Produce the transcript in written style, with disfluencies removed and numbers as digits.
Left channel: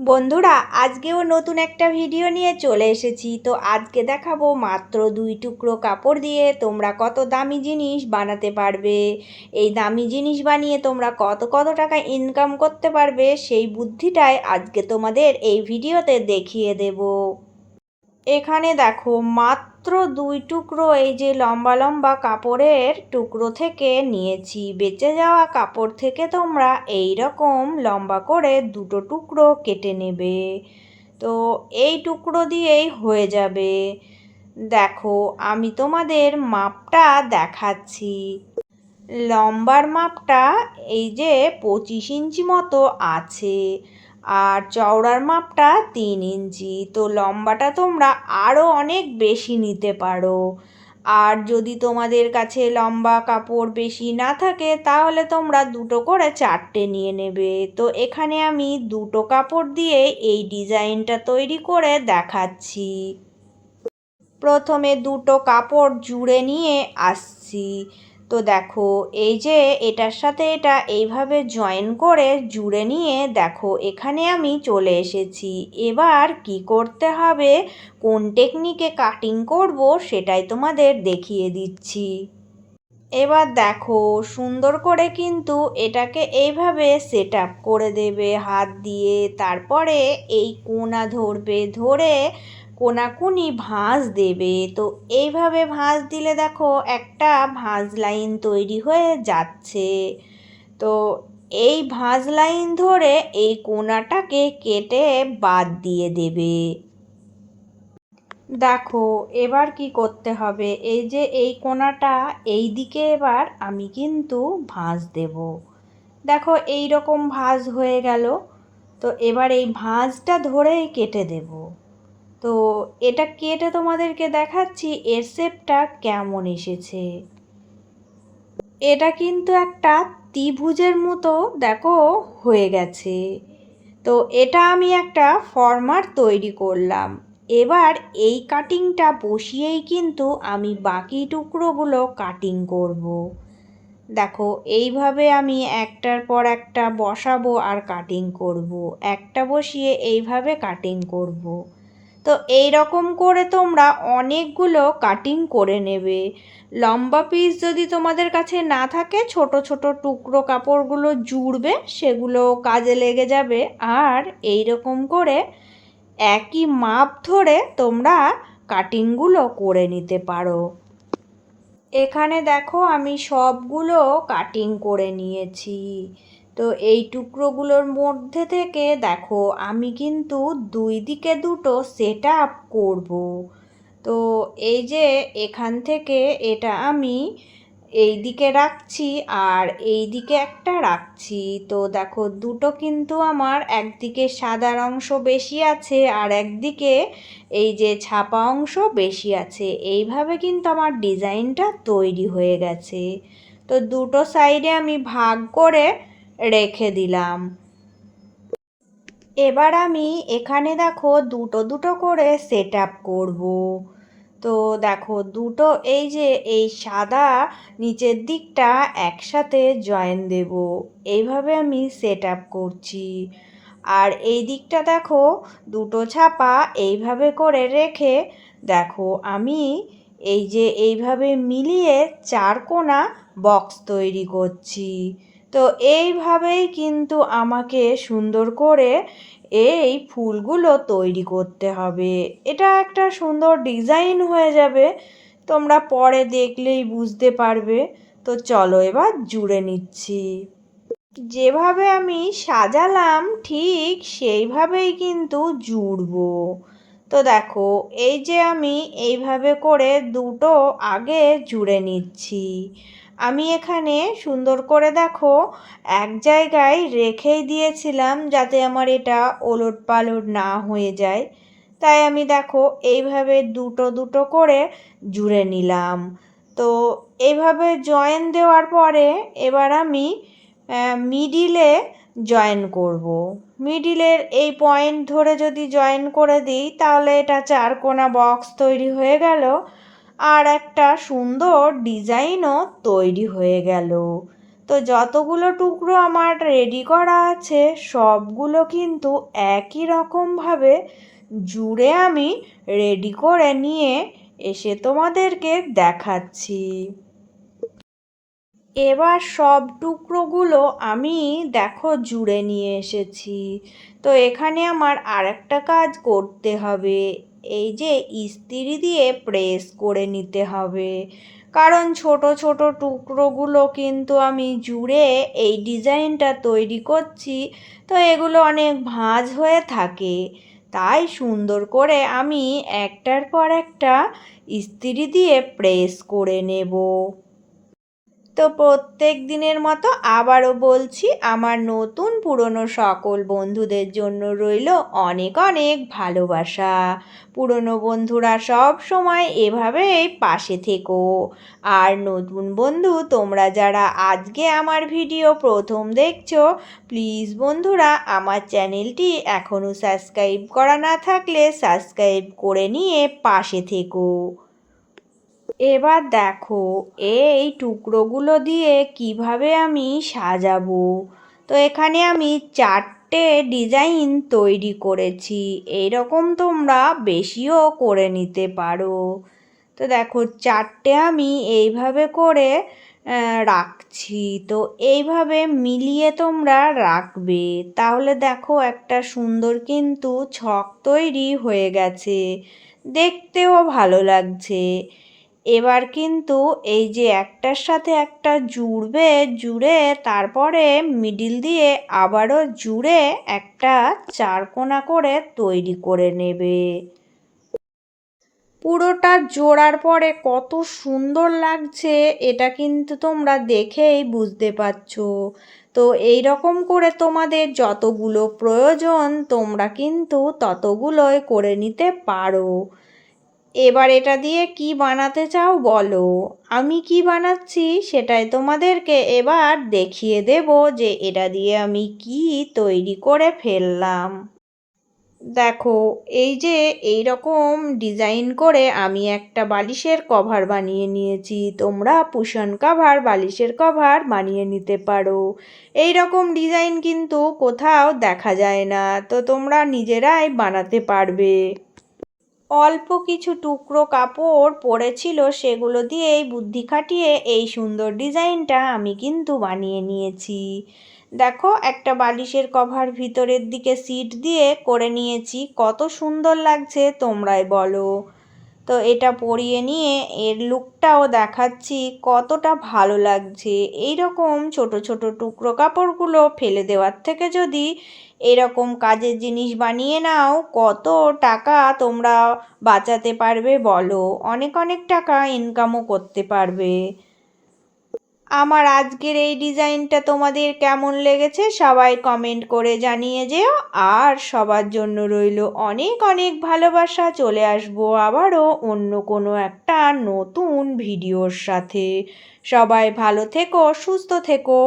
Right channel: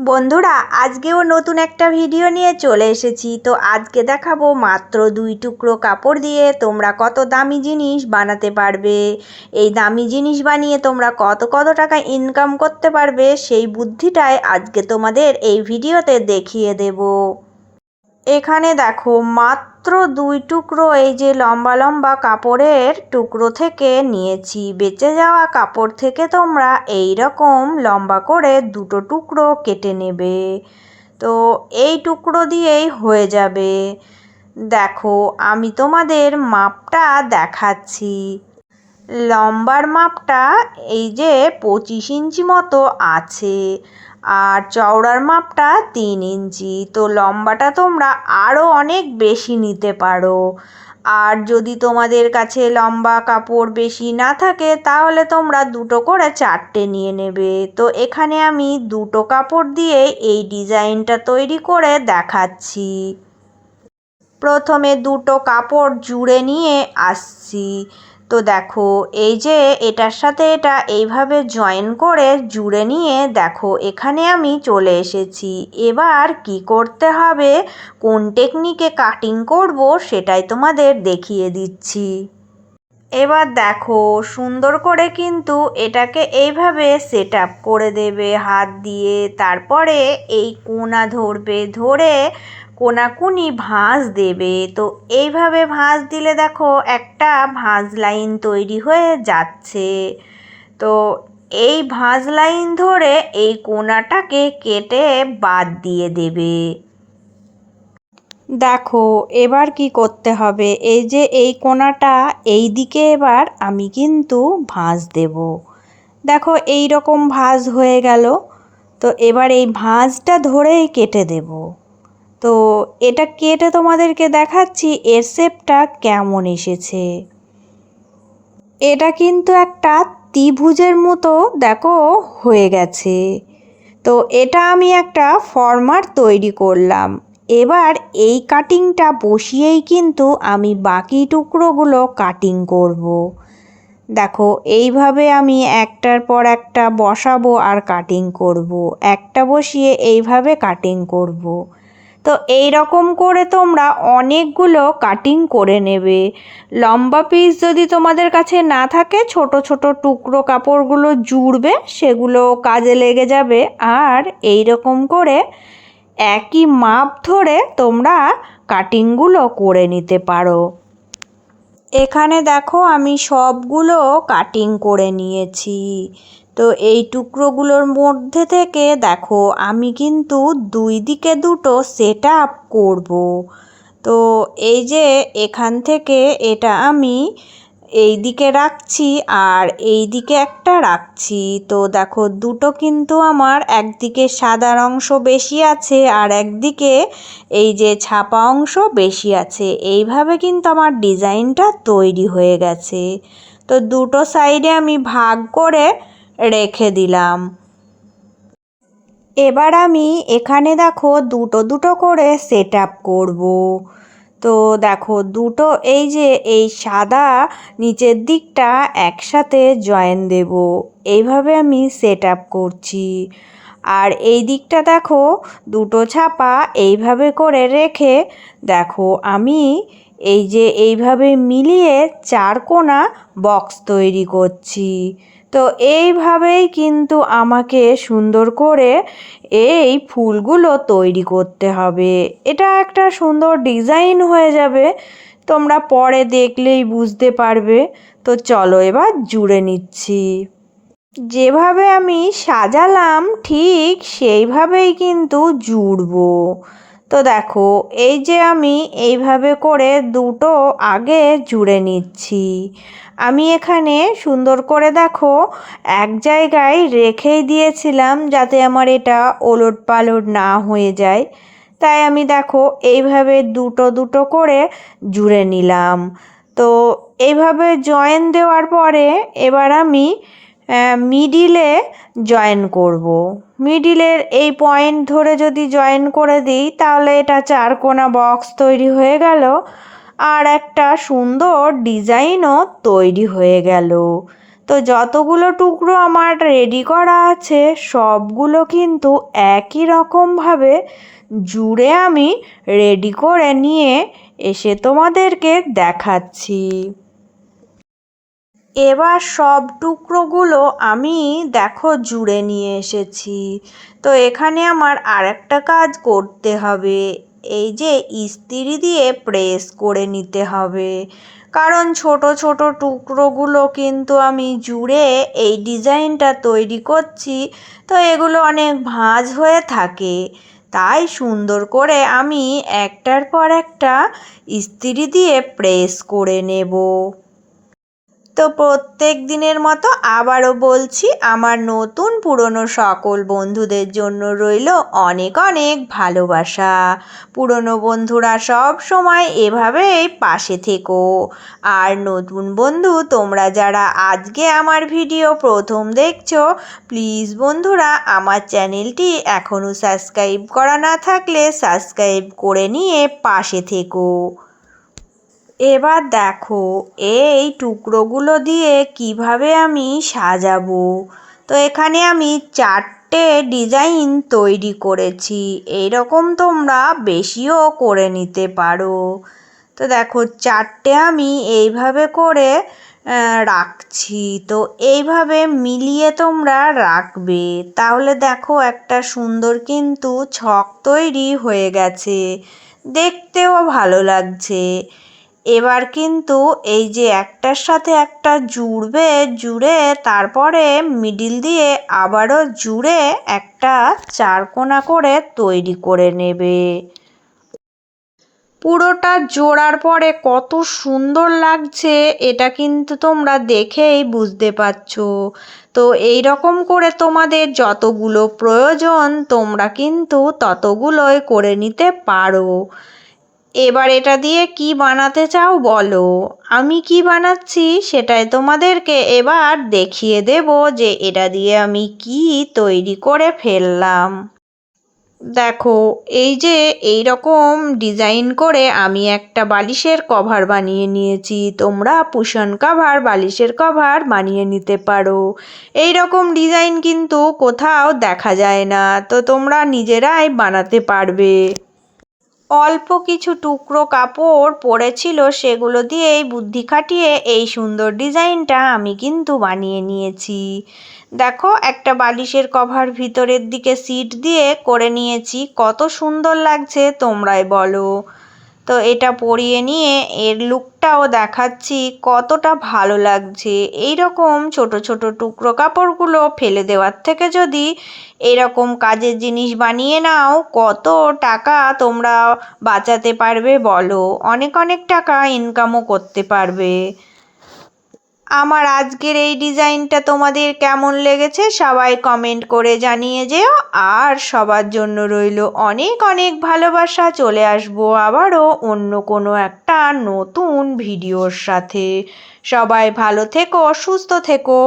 বন্ধুরা, আজকেও নতুন একটা ভিডিও নিয়ে চলে এসেছি। তো আজকে দেখাবো মাত্র 2 টুকরো কাপড় দিয়ে তোমরা কত দামি জিনিস বানাতে পারবে। এই দামি জিনিস বানিয়ে তোমরা কত কত টাকা ইনকাম করতে পারবে, সেই বুদ্ধিটাই আজকে তোমাদের এই ভিডিওতে দেখিয়ে দেব। এখানে দেখো মাত্র 2 টুকরো এই যে লম্বা লম্বা কাপড়ের টুকরো থেকে নিয়েছি। বেঁচে যাওয়া কাপড় থেকে তোমরা এই রকম লম্বা করে 2 টুকরো কেটে নেবে। তো এই টুকরো দিয়েই হয়ে যাবে। দেখো আমি তোমাদের মাপটা দেখাচ্ছি। লম্বার মাপটা এই যে 25 ইঞ্চি মতো আছে, আর চওড়ার মাপটা 3 ইঞ্চি। তো লম্বাটা তোমরা আরও অনেক বেশি নিতে পারো। আর যদি তোমাদের কাছে লম্বা কাপড় বেশি না থাকে তাহলে তোমরা 2 করে 4টে নিয়ে নেবে। তো এখানে আমি 2 কাপড় দিয়ে এই ডিজাইনটা তৈরি করে দেখাচ্ছি। প্রথমে 2 কাপড় জুড়ে নিয়ে আসছি। তো দেখো এই যে এটার সাথে এটা এইভাবে জয়েন করে জুড়ে নিয়ে দেখো এখানে আমি চলে এসেছি। এবার কি করতে হবে, কোন টেকনিকে কাটিং করব সেটাই তোমাদের দেখিয়ে দিচ্ছি। এবার দেখো সুন্দর করে কিন্তু এটাকে এইভাবে সেট আপ করে দেবে হাত দিয়ে। তারপরে এই কোনা ধরবে, ধরে কোনাকুনি ভাঁজ দেবে। তো এইভাবে ভাঁজ দিলে দেখো একটা ভাঁজ লাইন তৈরি হয়ে যাচ্ছে। তো এই ভাঁজ লাইন ধরে এই কোনাটাকে কেটে বাদ দিয়ে দেবে। দেখো এবার কি করতে হবে, এই যে এই কোণাটা এই দিকে এবার আমি কিন্তু ভাঁজ দেব। দেখো এই রকম ভাঁজ হয়ে গেল। তো এবার এই ভাঁজটা ধরেই কেটে দেব। তো এটা কেটে তোমাদেরকে দেখাচ্ছি এর শেপটা কেমন এসেছে। এটা কিন্তু একটা ত্রিভুজের মতো দেখো হয়ে গেছে। তো এটা আমি একটা ফর্মার তৈরি করলাম। এবার এই কাটিংটা বসিয়েই কিন্তু আমি বাকি টুকরোগুলো কাটিং করব। দেখো এইভাবে আমি একটার পর একটা বসাবো আর কাটিং করব। একটা বসিয়ে এইভাবে কাটিং করব। তো এই রকম করে তোমরা অনেকগুলো কাটিং করে নেবে। লম্বা পিস যদি তোমাদের কাছে না থাকে, ছোট ছোট টুকরো কাপড়গুলো জুড়বে, সেগুলো কাজে লেগে যাবে। আর এই রকম করে একই মাপ ধরে তোমরা কাটিংগুলো করে নিতে পারো। এখানে দেখো আমি সবগুলো কাটিং করে নিয়েছি। তো এই টুকরোগুলোর মধ্যে থেকে দেখো আমি কিন্তু 2 দিকে 2 সেট আপ করবো। তো এই যে এখান থেকে এটা আমি এই দিকে রাখছি আর এই দিকে একটা রাখছি। তো দেখো কিন্তু আমার একদিকে সাদা অংশ বেশি আছে আর একদিকে এই যে ছাপা অংশ বেশি আছে। এইভাবে কিন্তু আমার ডিজাইনটা তৈরি হয়ে গেছে। তো সাইডে আমি ভাগ করে রেখে দিলাম। এবার আমি এখানে দেখো 2 করে সেট আপ করবো। তো দেখো এই যে এই সাদা নিচের দিকটা একসাথে জয়েন দেব। এইভাবে আমি সেট আপ করছি। আর এই দিকটা দেখো 2 ছাপা এইভাবে করে রেখে দেখো আমি এই যে এইভাবে মিলিয়ে 4 কোণা বক্স তৈরি করছি। তো এইভাবেই কিন্তু আমাকে সুন্দর করে এই ফুলগুলো তৈরি করতে হবে। এটা একটা সুন্দর ডিজাইন হয়ে যাবে, তোমরা পরে দেখলেই বুঝতে পারবে। তো চলো এবার জুড়ে নিচ্ছি। যেভাবে আমি সাজালাম ঠিক সেইভাবেই কিন্তু জুড়বো। তো দেখো এই যে আমি এইভাবে করে 2 আগে জুড়ে নিচ্ছি। আমি এখানে সুন্দর করে দেখো এক জায়গায় রেখেই দিয়েছিলাম যাতে আমার এটা ওলট পালট না হয়ে যায়। তাই আমি দেখো এইভাবে 2 করে জুড়ে নিলাম। তো এইভাবে জয়েন দেওয়ার পরে এবার আমি মিডিলে জয়েন করব। মিডিলের এই পয়েন্ট ধরে যদি জয়েন করে দিই তাহলে এটা 4 কোণা বক্স তৈরি হয়ে গেল আর একটা সুন্দর ডিজাইনও তৈরি হয়ে গেল। তো যতগুলো টুকরো আমার রেডি করা আছে সবগুলো কিন্তু একই রকমভাবে জুড়ে আমি রেডি করে নিয়ে এসে তোমাদেরকে দেখাচ্ছি। এবার সব টুকরোগুলো আমি দেখো জুড়ে নিয়ে এসেছি। তো এখানে আমার আরেকটা কাজ করতে হবে, এই যে ইস্ত্রি দিয়ে প্রেস করে নিতে হবে, কারণ ছোট ছোট টুকরোগুলো কিন্তু আমি জুড়ে এই ডিজাইনটা তৈরি করছি। তো এগুলো অনেক ভাঁজ হয়ে থাকে, তাই সুন্দর করে আমি একটার পর একটা ইস্ত্রি দিয়ে প্রেস করে নেব। তো প্রত্যেক দিনের মতো আবারও বলছি, আমার নতুন পুরনো সকল বন্ধুদের জন্য রইল অনেক অনেক ভালোবাসা। পুরনো বন্ধুরা সব সময় এভাবেই পাশে থেকো। আর নতুন বন্ধু তোমরা যারা আজকে আমার ভিডিও প্রথম দেখছো, প্লিজ বন্ধুরা আমার চ্যানেলটি এখনও সাবস্ক্রাইব করা না থাকলে সাবস্ক্রাইব করে নিয়ে পাশে থেকো। এবার দেখো এই টুকরোগুলো দিয়ে কিভাবে আমি সাজাবো। তো এখানে আমি 4টে ডিজাইন তৈরি করেছি, এইরকম তোমরা বেশিও করে নিতে পারো। তো দেখো 4টে আমি এইভাবে করে রাখছি। তো এইভাবে মিলিয়ে তোমরা রাখবে, তাহলে দেখো একটা সুন্দর কিন্তু ছক তৈরি হয়ে গেছে, দেখতেও ভালো লাগছে। এবার কিন্তু এই যে একটার সাথে একটা জুড়বে, জুড়ে তারপরে মিডিল দিয়ে আবারও জুড়ে একটা চারকোনা করে তৈরি করে নেবে। পুরোটা জোড়ার পরে কত সুন্দর লাগছে এটা কিন্তু তোমরা দেখেই বুঝতে পারছো। তো এই রকম করে তোমাদের যতগুলো প্রয়োজন তোমরা কিন্তু ততগুলোই করে নিতে পারো। এবার এটা দিয়ে কি বানাতে চাও বলো, আমি কি বানাচ্ছি সেটাই তোমাদেরকে এবার দেখিয়ে দেব যে এটা দিয়ে আমি কি তৈরি করে ফেললাম। দেখো এই যে এই রকম ডিজাইন করে আমি একটা বালিশের কভার বানিয়ে নিয়েছি। তোমরা কুশন কভার, বালিশের কভার বানিয়ে নিতে পারো। এই রকম ডিজাইন কিন্তু কোথাও দেখা যায় না, তো তোমরা নিজেরাই বানাতে পারবে। অল্প কিছু টুকরো কাপড় পড়েছিল, সেগুলো দিয়েই বুদ্ধি খাটিয়ে এই সুন্দর ডিজাইনটা আমি কিন্তু বানিয়ে নিয়েছি। দেখো একটা বালিশের কভার ভিতরের দিকে সিট দিয়ে করে নিয়েছি, কত সুন্দর লাগছে তোমরাই বলো। তো এটা পরিয়ে নিয়ে এর লুকটাও দেখাচ্ছি কতটা ভালো লাগছে। এই রকম ছোট ছোট টুকরো কাপড়গুলো ফেলে দেওয়ার থেকে যদি এরকম কাজের জিনিস বানিয়ে নাও, কত টাকা তোমরা বাঁচাতে পারবে বলো, অনেক অনেক টাকা ইনকামও করতে পারবে। আমার আজকের এই ডিজাইনটা তোমাদের কেমন লেগেছে সবাই কমেন্ট করে জানিয়ে যেও। আর সবার জন্য রইল অনেক অনেক ভালোবাসা। চলে আসবো আবারও অন্য কোনো একটা নতুন ভিডিওর সাথে। সবাই ভালো থেকো, সুস্থ থেকো।